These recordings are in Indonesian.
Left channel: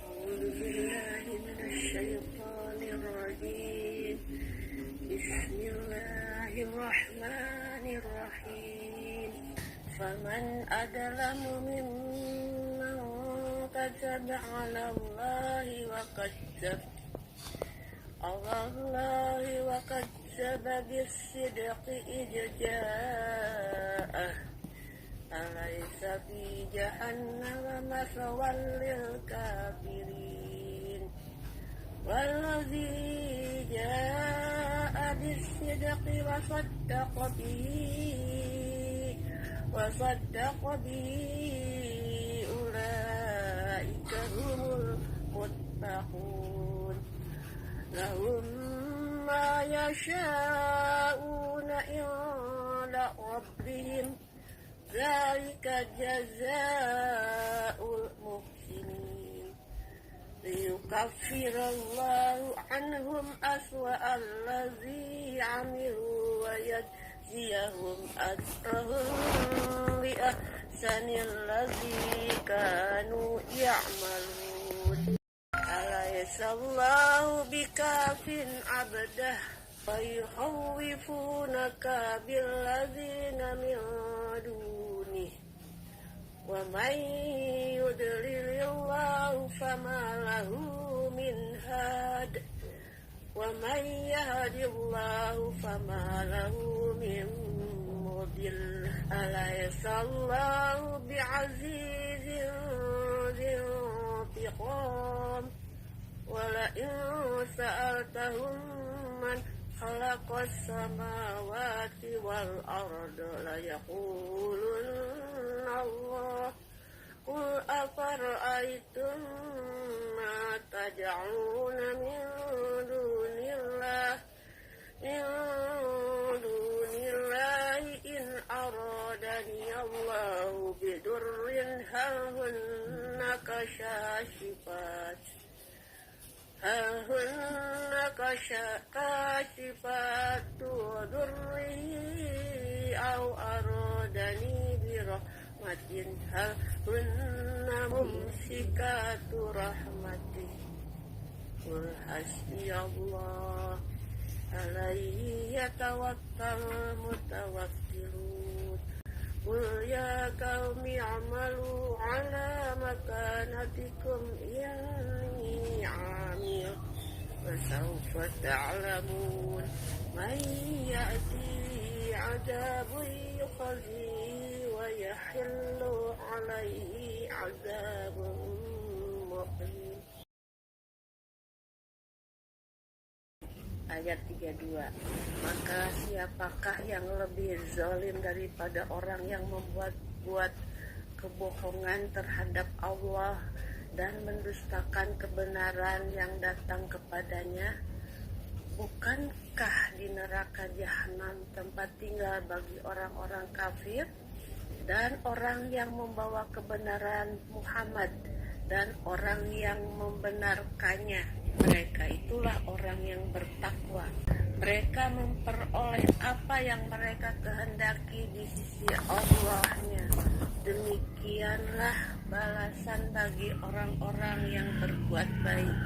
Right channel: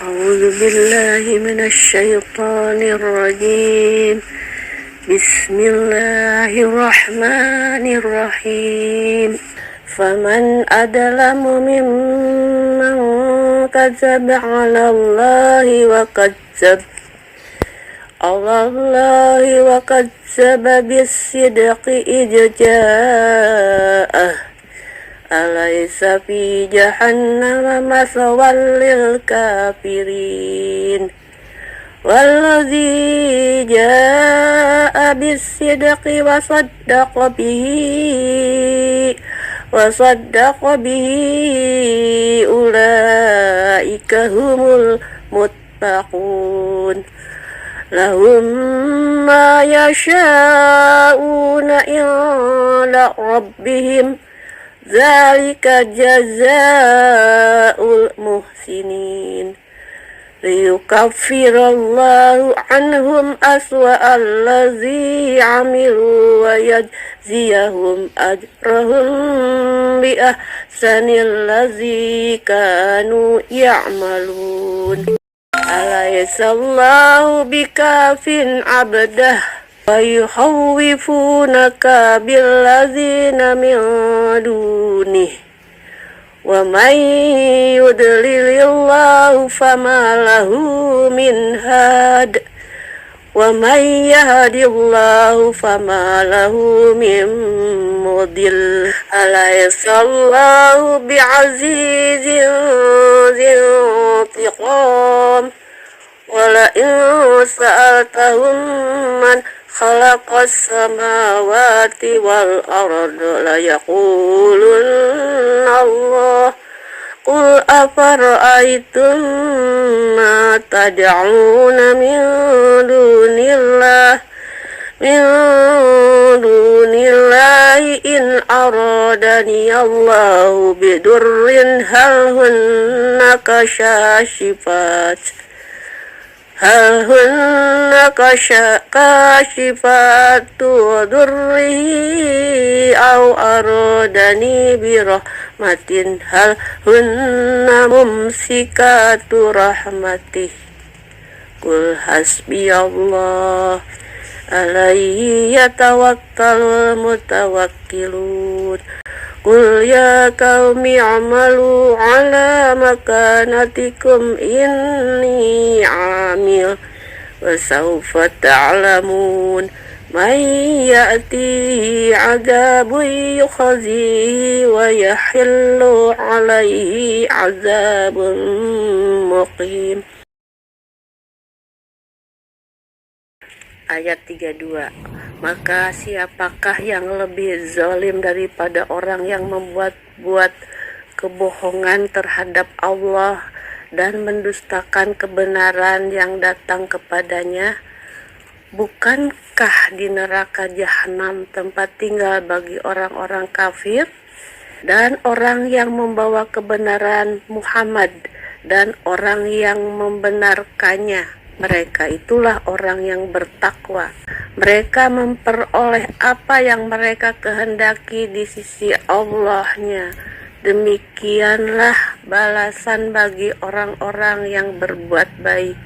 أعوذ بالله من الشيطان الرجيم. بسم الله الرحمن الرحيم. فمن أظلم ممن كذب على الله وكذب بالصدق إذ جاءه أليس في جهنم مثوى للكافرين والذي جاء بالصدق وصدق به أولئك هم المتقون لهم ما يشاءون عند ربهم ذلك جزاء المحسنين ليكفر الله عنهم أسوأ الذي عملوا ويجزيهم أجرهم بأحسن الذي كانوا يعملون أليس الله بكاف عبده ويخوفونك بالذين من دونه ومن يضلل الله فما له من هاد ومن يهد الله فما له من مضل أليس الله بعزيز ذي انتقام ولئن سألتهم من خلق السماوات والأرض ليقولن الله قل أفرأيتم ما تدعون من دون الله إن أرادني الله بضر هل هن كاشفات ضره أو أرادني برحمة هل هن ممسكات رحمته قل حسبي الله عليه يتوكل المتوكلون قل يا قوم اعملوا على مكانتكم إني عامل وسوف تعلمون من يأتيه عذاب يخزيه ويحل عليه عذاب مقيم. Ayat 32. Maka siapakah yang lebih zalim daripada orang yang membuat kebohongan terhadap Allah dan mendustakan kebenaran yang datang kepadanya? Bukankah di neraka jahanam tempat tinggal bagi orang-orang kafir dan orang yang membawa kebenaran Muhammad dan orang yang membenarkannya? Mereka itulah orang yang bertakwa. Mereka memperoleh apa yang mereka kehendaki di sisi Allah-Nya. Demikianlah balasan bagi orang-orang yang berbuat baik,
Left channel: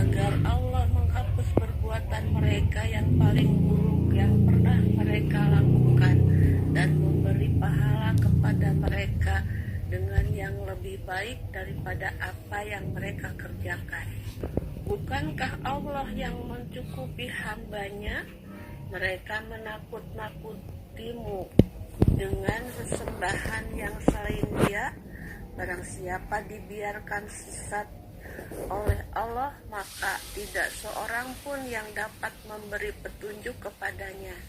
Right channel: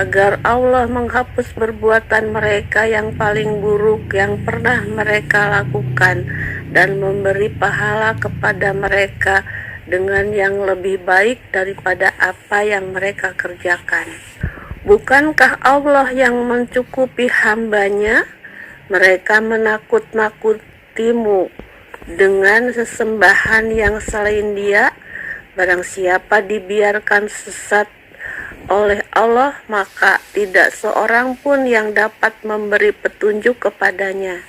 agar Allah menghapus perbuatan mereka yang paling buruk yang pernah mereka lakukan dan memberi pahala kepada mereka dengan yang lebih baik daripada apa yang mereka kerjakan. Bukankah Allah yang mencukupi hamba-Nya? Mereka menakut-nakutimu dengan sesembahan yang selain Dia. Barang siapa dibiarkan sesat oleh Allah, maka tidak seorang pun yang dapat memberi petunjuk kepadanya.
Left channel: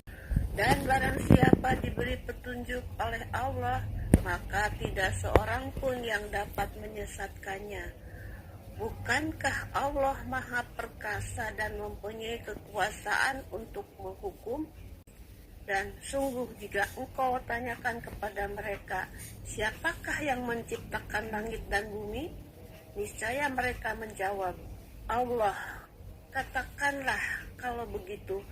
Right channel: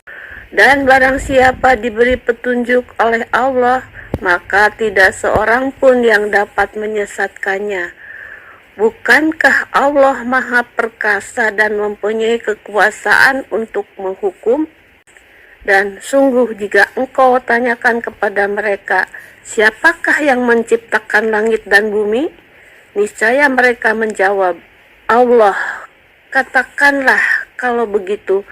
Dan barang siapa diberi petunjuk oleh Allah, maka tidak seorang pun yang dapat menyesatkannya. Bukankah Allah Maha Perkasa dan mempunyai kekuasaan untuk menghukum? Dan sungguh jika engkau tanyakan kepada mereka, siapakah yang menciptakan langit dan bumi? Niscaya mereka menjawab, Allah. Katakanlah, kalau begitu,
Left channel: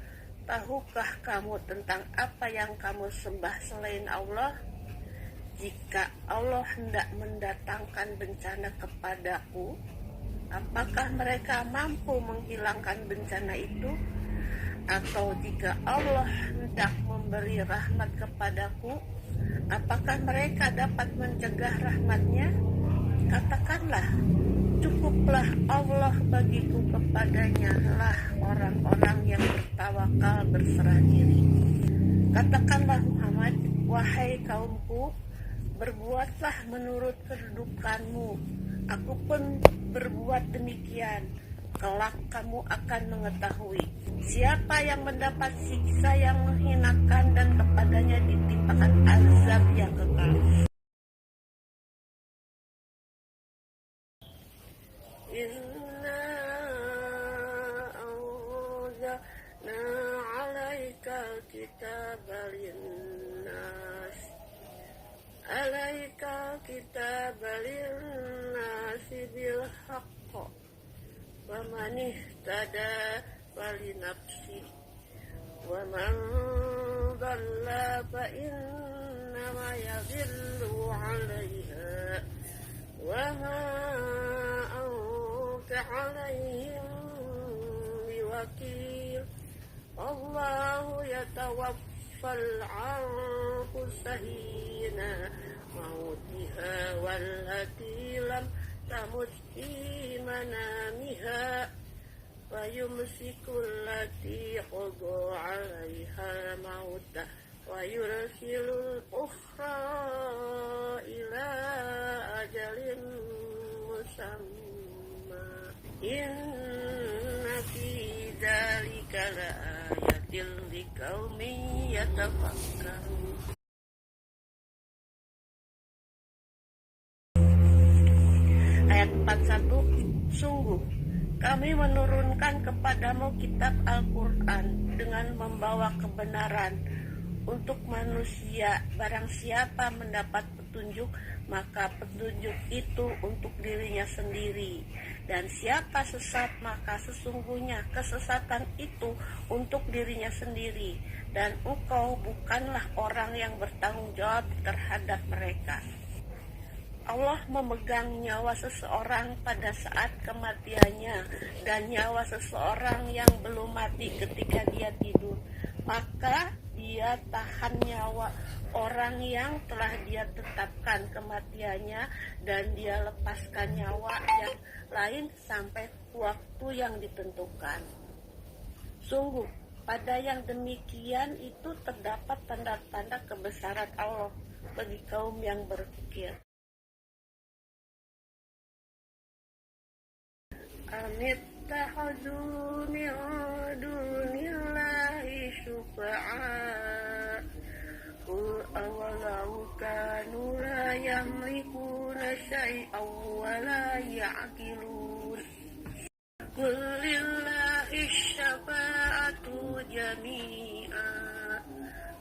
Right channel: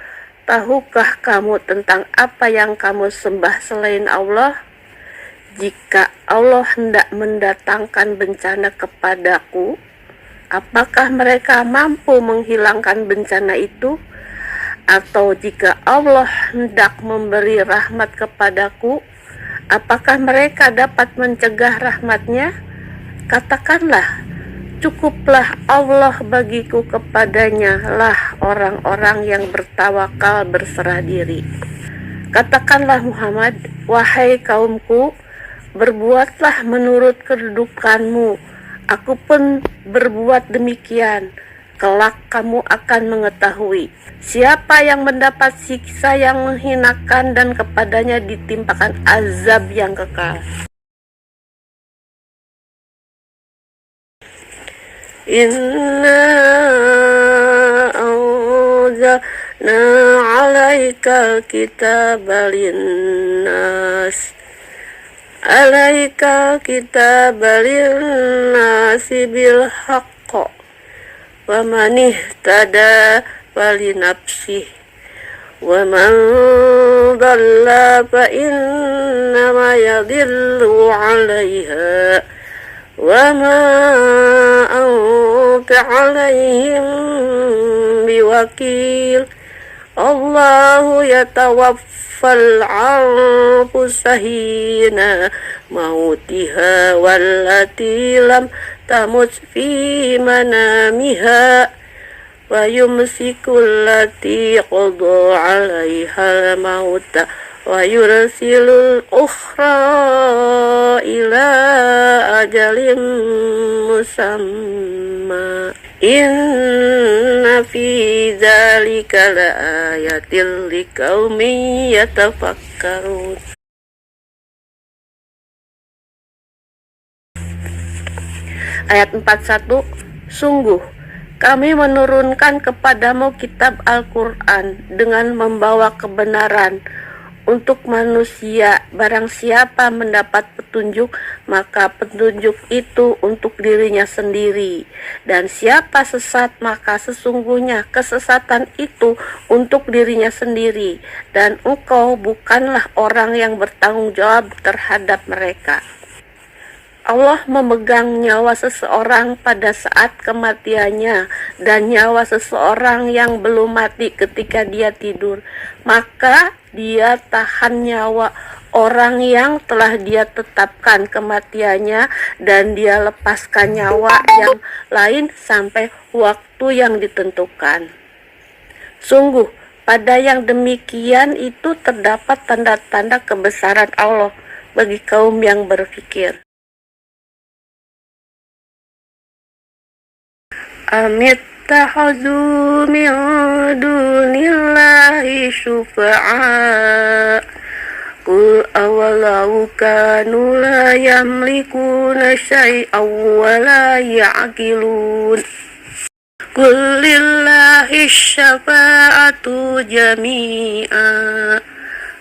tahukah kamu tentang apa yang kamu sembah selain Allah? Jika Allah hendak mendatangkan bencana kepadaku, Apakah mereka mampu menghilangkan bencana itu? Atau jika Allah hendak memberi rahmat kepadaku, apakah mereka dapat mencegah rahmatnya? Katakanlah, cukuplah Allah bagiku, kepadanya lah orang-orang yang bertawakal berserah diri. Katakanlah Muhammad, wahai kaumku, berbuatlah menurut kedudukanmu, aku pun berbuat demikian. Kelak kamu akan mengetahui siapa yang mendapat siksa yang menghinakan dan kepadanya ditimpakan azab yang kekal. Inna anzalna 'alaikal kitaba linnas bil haqq wa man ihtada falinafsih wa man dhalla fa innama yadhillu 'alaiha wa ma anta 'alaihim biwakil. Allahu yatawaffal anfusa hina mautiha wallati lam tamut fi manamiha wa yumsikul lati qada 'alaiha al-mauta wa yursilul ukhra ila ajalin musamma. Inna fi dzalika laayatil liqaumin yatafakkarun. Ayat 41. Sungguh kami menurunkan kepadamu kitab Al-Quran dengan membawa kebenaran untuk manusia. Barang siapa mendapat petunjuk, maka petunjuk itu untuk dirinya sendiri, dan siapa sesat, maka sesungguhnya kesesatan itu untuk dirinya sendiri, dan engkau bukanlah orang yang bertanggung jawab terhadap mereka. Allah memegang nyawa seseorang pada saat kematiannya dan nyawa seseorang yang belum mati ketika dia tidur. Maka dia tahan nyawa orang yang telah dia tetapkan kematiannya dan dia lepaskan nyawa yang lain sampai waktu yang ditentukan. Sungguh, pada yang demikian itu terdapat tanda-tanda kebesaran Allah bagi kaum yang berfikir. Amittakhadhu min dunillahi syufa'a qul awalau kanu la yamlikuna syai'aw wa la ya'qilun qul lillahi syafa'atu jami'a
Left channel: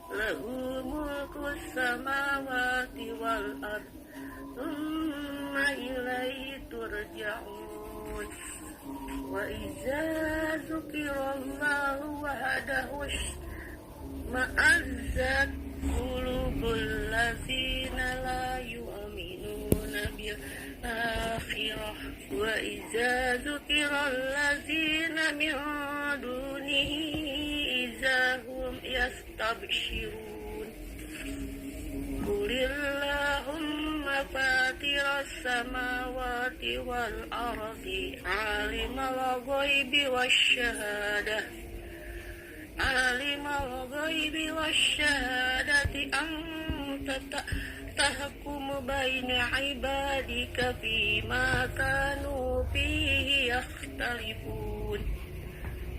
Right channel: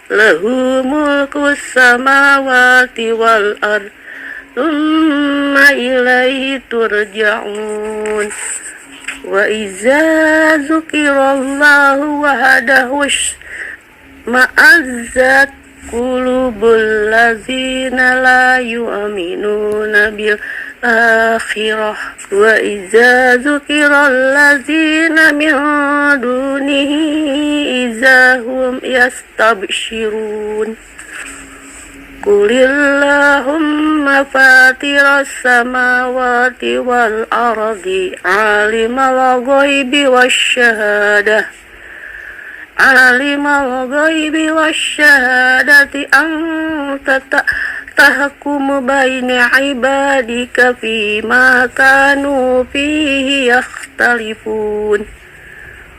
lahu mulku samawati wal ardh thumma ilaihi turja'un. Wa iza zukirallahu wahdahu ma'azzat qulubul ladzina la yu'minuna bil akhirah wa iza zukiral ladzina min dunihi iza hum yastabshirun. Qulillahumma fatiras samawati wal ardi alimal ghaibi wasyahadati anta tahkumu baina ibadika fima kanu fihi yakhtalifun.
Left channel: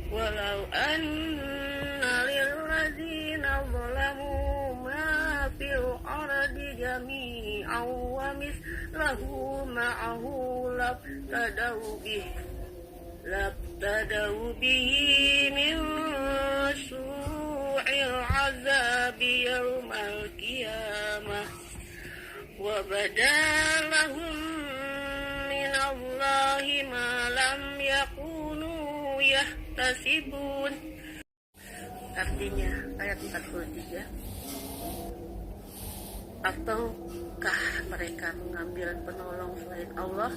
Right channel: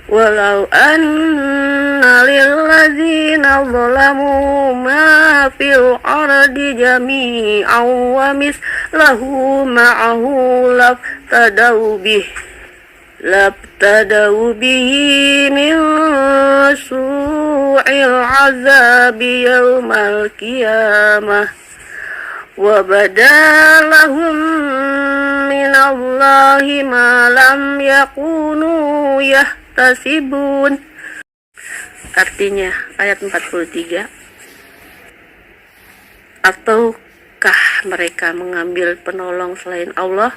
Walau anna lilladzina zalamu ma fil ardi jami'an wa mislahu ma'ahu labtadau bihi min su'il azabi yawmal qiyamah wa badalahum minallahi ma lam yakunu tasibun. Artinya ayat 43, ataukah mereka mengambil penolong selain Allah?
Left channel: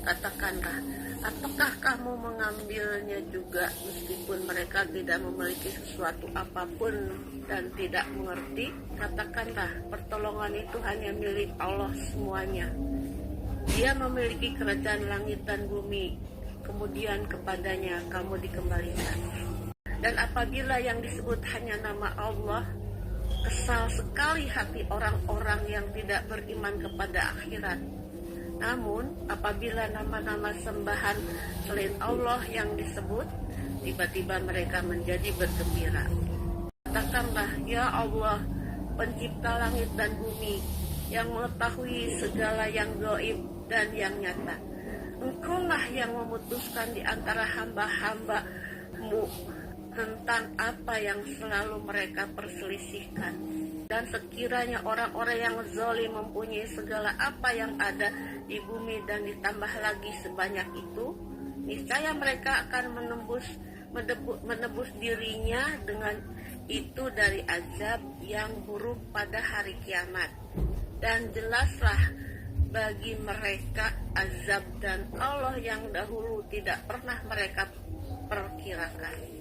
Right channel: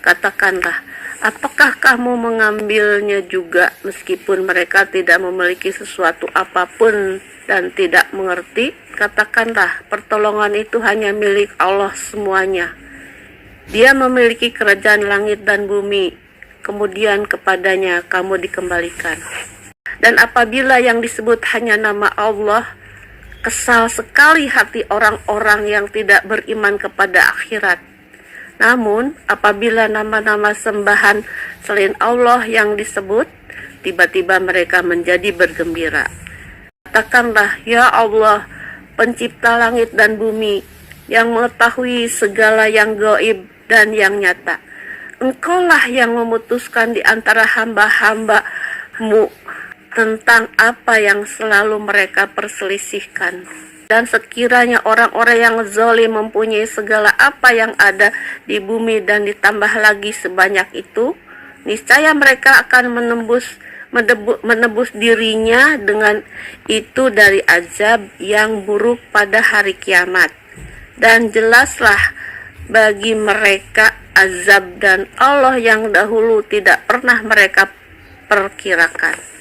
Katakanlah, Apakah kamu mengambilnya juga meskipun mereka tidak memiliki sesuatu apapun dan tidak mengerti? Katakanlah, pertolongan itu hanya milik Allah semuanya. Dia memiliki kerajaan langit dan bumi, kemudian kepadanya kamu dikembalikan. Dan apabila yang disebut hanya nama Allah, kesal sekali hati orang-orang yang tidak beriman kepada akhirat. Namun, apabila nama-nama sembahan selain Allah yang disebut, tiba-tiba mereka menjadi bergembira. Katakanlah, ya Allah, pencipta langit dan bumi, yang mengetahui segala yang gaib dan yang nyata. Engkaulah yang memutuskan di antara hamba-hamba-Mu tentang apa yang selalu mereka perselisihkan. Dan sekiranya orang-orang yang zalim mempunyai segala apa yang ada di bumi dan ditambah lagi sebanyak itu, niscaya mereka akan menebus dirinya dengan itu dari azab yang buruk pada hari kiamat. Dan jelaslah bagi mereka azab dan Allah yang dahulu tidak pernah mereka perkirakan.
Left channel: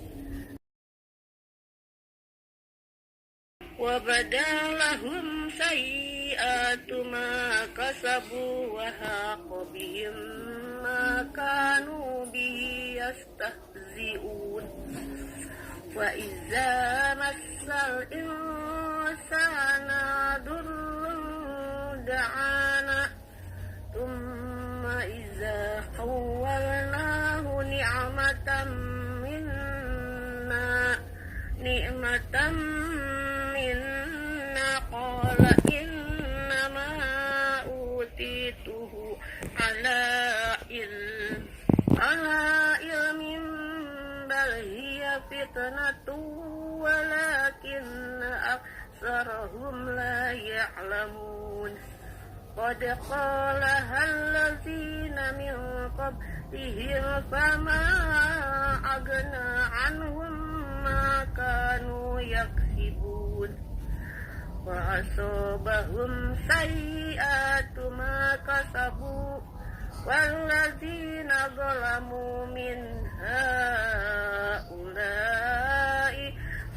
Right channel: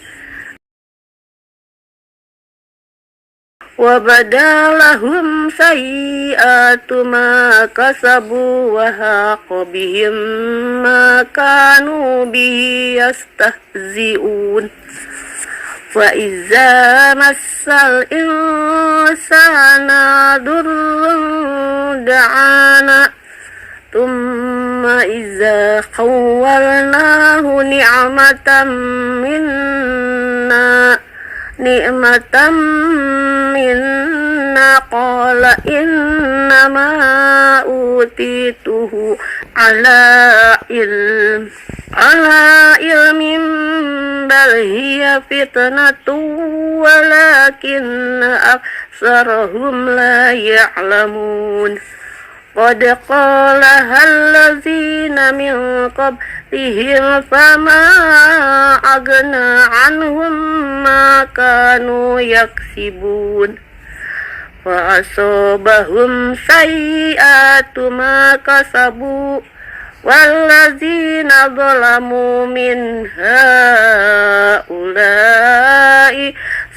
وَبَدَلَهُمْ سَيِّئَاتُ مَا كَسَبُوا وَحَاقَ بِهِمْ مَا كَانُوا بِهِ يَسْتَهْزِئُونَ وَإِذَا مَسَّ الْإِنسَانَ ضُرٌّ دَعَانَا ثُمَّ إِذَا خَوَّلْنَاهُ نِعْمَةً منا قال إنما أوتيته على علم بل هي فتنة ولكن أكثرهم لا يعلمون قد قالها الذين من قبلهم فما أغنى عنهم ما كانوا يكسبون فأصابهم سيئات ما كسبوا والذين ظلموا من هؤلاء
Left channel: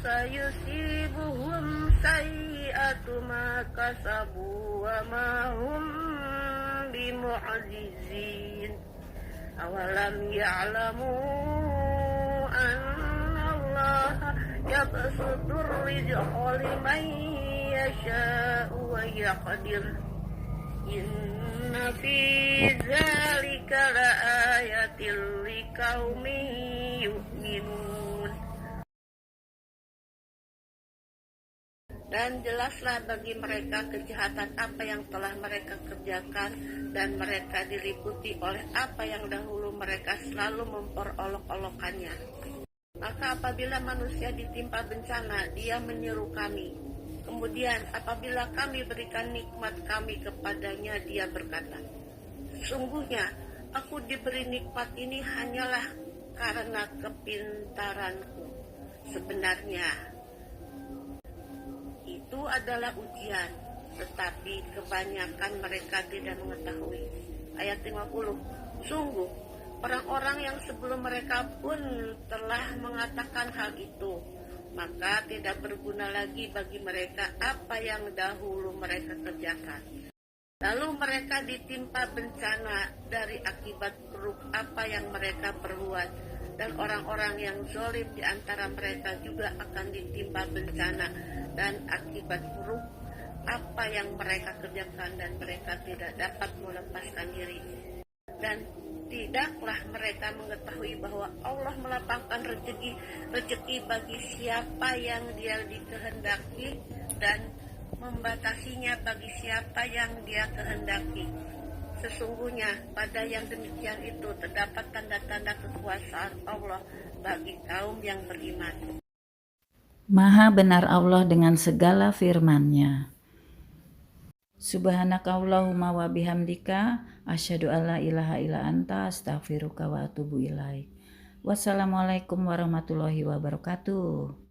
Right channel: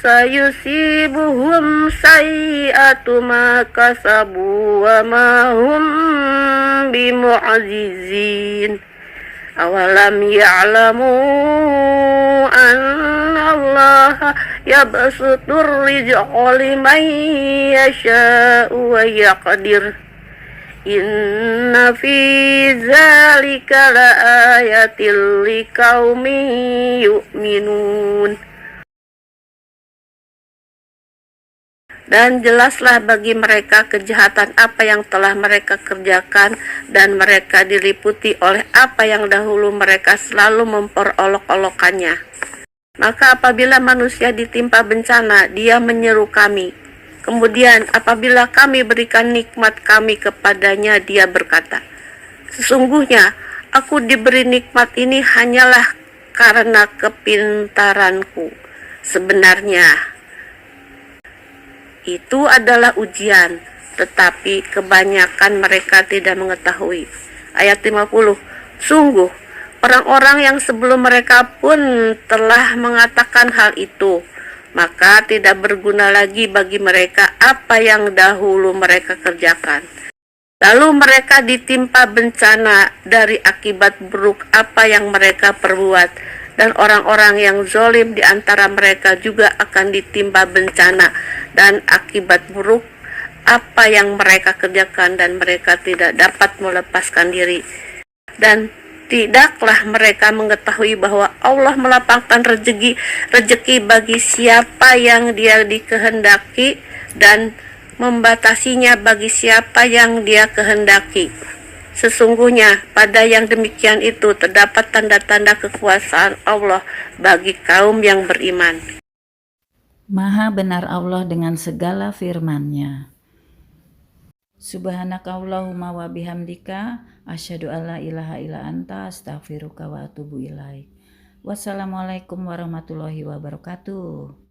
sayusibuhum sayyi'atu ma kasabu wa ma hum bimu'jizin awalam ya'lamu anna allaha yabsutur rizqa liman yasha'u wa yaqdir inna fi zalika la ayatil liqaumin yu'minun. Dan jelaslah bagi mereka kejahatan apa yang telah mereka kerjakan, dan mereka diliputi oleh apa yang dahulu mereka selalu memperolok-olokannya. Maka apabila manusia ditimpa bencana, dia menyeru kami. Kemudian apabila kami berikan nikmat kami kepadanya, dia berkata, sesungguhnya aku diberi nikmat ini hanyalah karena kepintaranku. Sebenarnya itu adalah ujian, tetapi kebanyakan mereka tidak mengetahui. Ayat 50. Sungguh, orang-orang yang sebelum mereka pun telah mengatakan hal itu, maka tidak berguna lagi bagi mereka apa yang dahulu mereka kerjakan. Lalu mereka ditimpa bencana dari akibat buruk apa yang mereka perbuat. Dan orang-orang yang zalim di antara mereka juga akan ditimpa bencana dan akibat buruk apa yang mereka kerjakan, dan mereka tidak dapat melepaskan diri. Dan tidaklah mereka mengetahui bahwa Allah melapangkan rezeki bagi siapa yang Dia dikehendaki dan membatasinya bagi siapa yang Dia kehendaki. Sesungguhnya pada yang demikian itu terdapat tanda-tanda kekuasaan Allah bagi kaum yang beriman. Maha benar Allah dengan segala firman-Nya. Subhanakallahumma wa bihamdika asyhadu alla ilaha illa anta astaghfiruka wa atubu ilaik. Wassalamualaikum warahmatullahi wabarakatuh.